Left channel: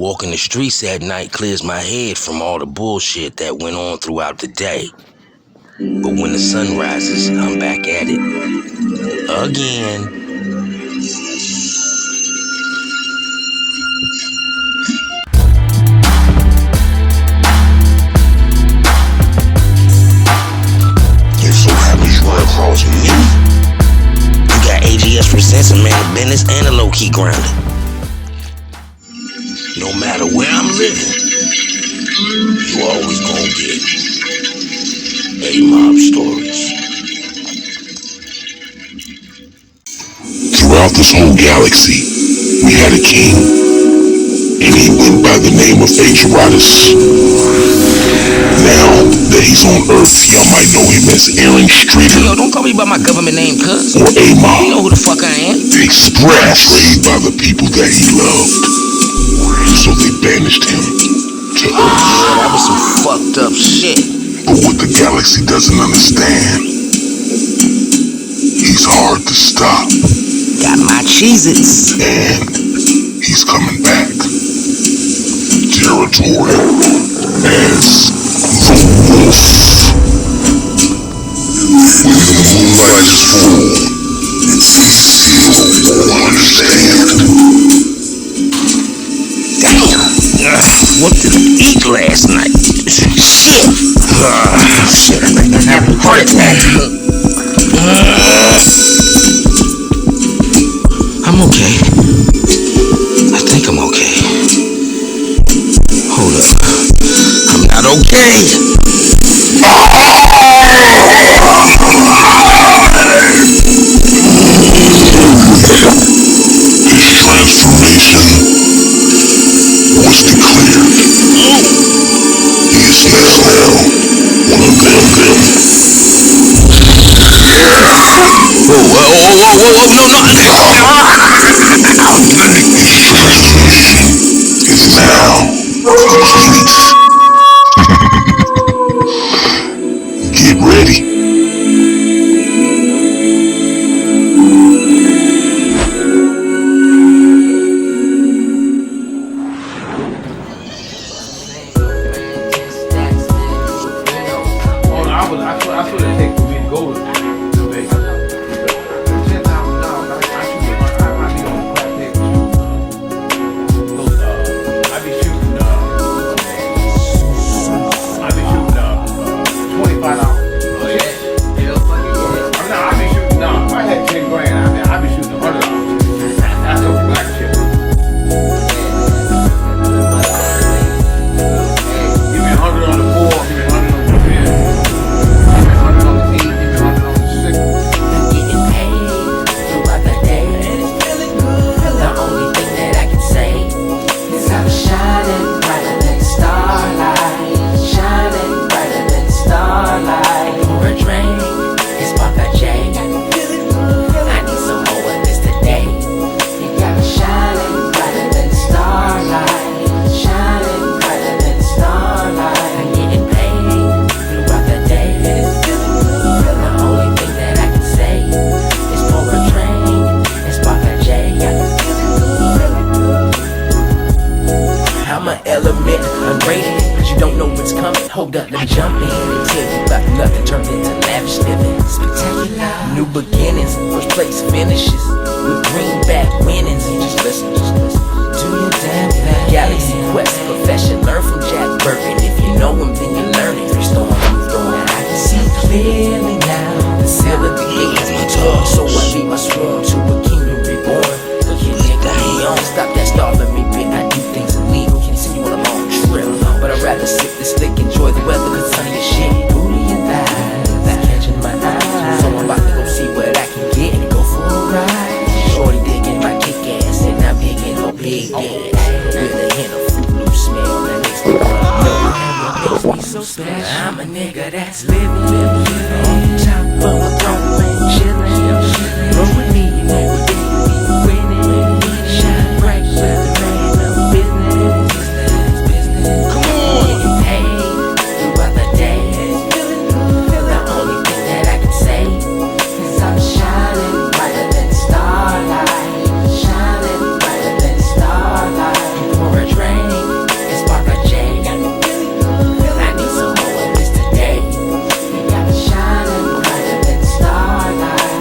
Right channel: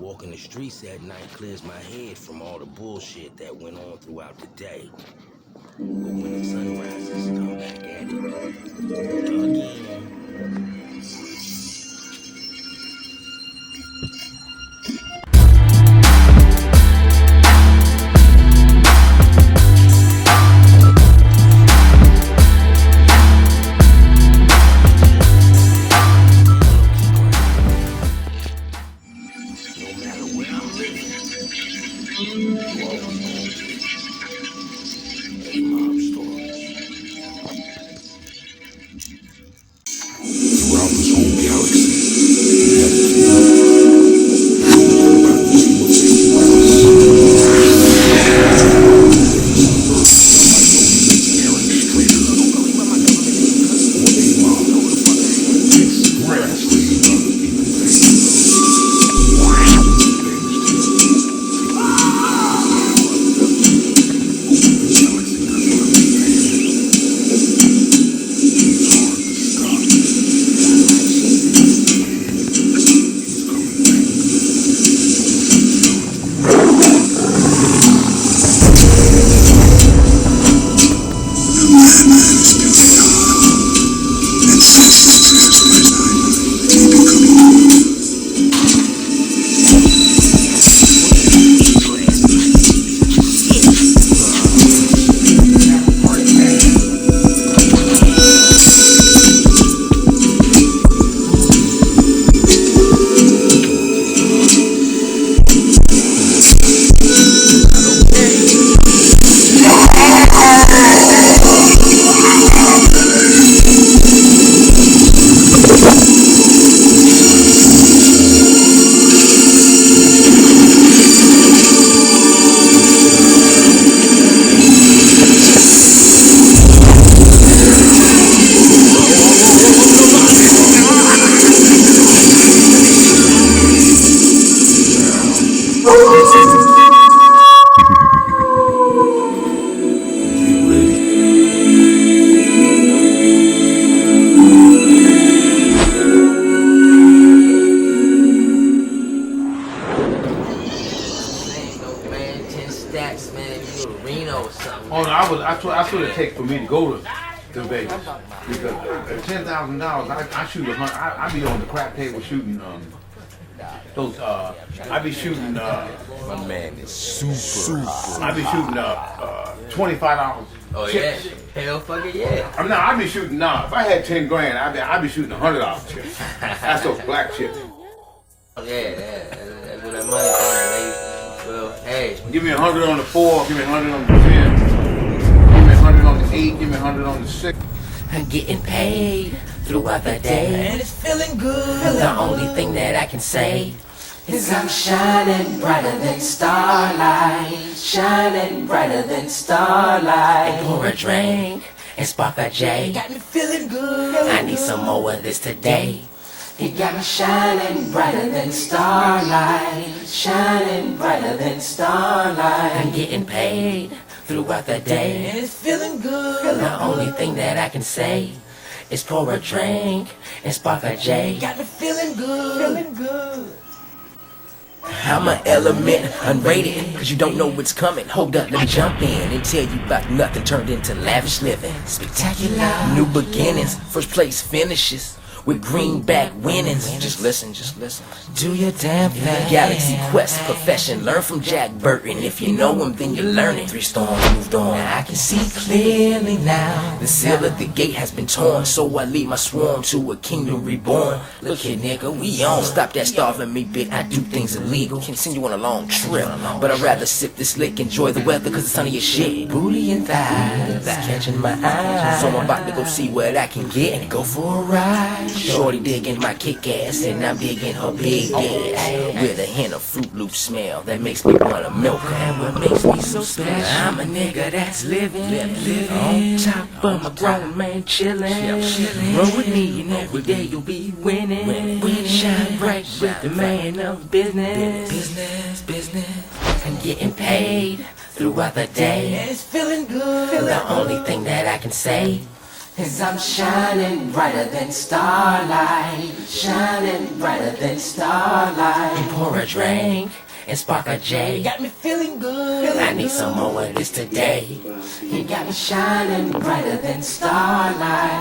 Walking the streets at night clears my head from all the bullshit that went on throughout the day. But when the sun rises, I'm back at it. Again. Sense of man business and a low-key grounded. No matter where I'm living, you always gonna get A-Mob stories. Throughout this whole galaxy, we had a king, and he went by the name of H-Rodus. Now that he's on Earth, y'all might know him as Aaron Streeter. Yo, don't call me by my government name, cuz. Or A-Mob. You know who the fuck I am. Express, betrayed by the people that he loved. So they banished him to Earth. That was some fucked up shit. But what the galaxy doesn't understand, he's hard to stop. Got my Cheez-Its. And he's coming back. Territorial as What did you eat last night? Shit! Shit, I think I have a heart attack. I'm okay. I think I'm okay. Hold up. I'm not okay. I sort of take for me to go to Vegas because $10,000. I shoot I be on the crap table shooting those. I be shooting. $25. Oh yeah, hell fucking yeah. I be shooting. If I had 10 grand, I be shooting $100 chips. That's a black chip. Give me 100 on the 4. Give me 100 on the 10. Give me 100 on the 8. Give me 100 on the 6. I'm getting paid throughout the day, and it's feeling good. The only thing that I can say is I'm shining brighter than starlight. Shining brighter than starlight. Pour a drink and spark a J. I need some more of this today. It got me shining brighter than starlight. Shining brighter than starlight. I'm getting paid throughout the day, and it's feeling good. The only thing that I can say is pour a drink and spark a J. I'm feeling good. I'm an element, unrated, cause you don't know what's coming. Hold up, let me jump in and tell you about nothing turned into lavish living. Spectacular, new beginnings, first place finishes with greenback winnings. Just listen, do your damn thing. Galaxy Quest, profession, learn from Jack Burton. If you know him, then you learn it. 3 storms moved on. Now I can see clearly now. The seal of the gate has been torn, so I lead my swarm to a kingdom reborn. Look here, nigga, me on. Stop that starving me bit. I do things illegal. Continue on a long trip, but I'd rather sip this lick, enjoy the weather, cause it's sunny as shit. Booty and thighs catching my eye, so I'm about to go see what I can get and go for a ride. Shorty digging my kick ass, and I'm digging her big ass with a hint of Fruit Loop smell that makes me wanna milk. And what makes me so special, I'm a nigga that's living on top of a throne, man, chillin'. Roll with me, you know what day you be winning. Shine bright with the man of business. Getting paid throughout the day. It's feeling good. The only thing that I can say is I'm shining brighter than starlight. Shining brighter than starlight. pour a drink and spark a J. Got me feeling good. I need some more of this today. You got me shining brighter than starlight.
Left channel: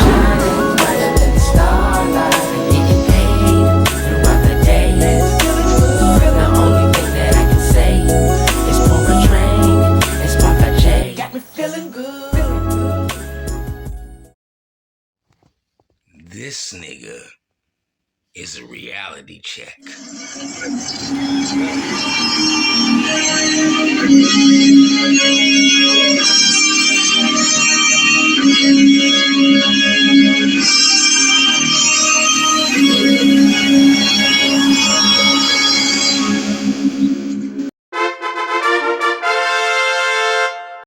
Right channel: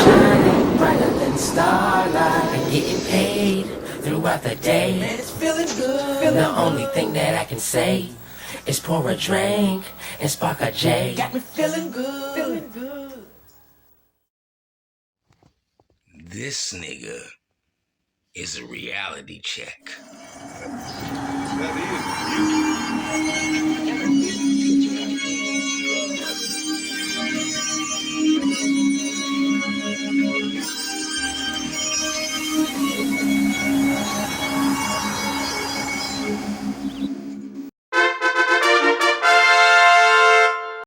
Shining brighter than starlight. And getting paid throughout the day. The only thing that I can say is pour a drink and spark a J. Got me feeling good. This nigga is a reality check.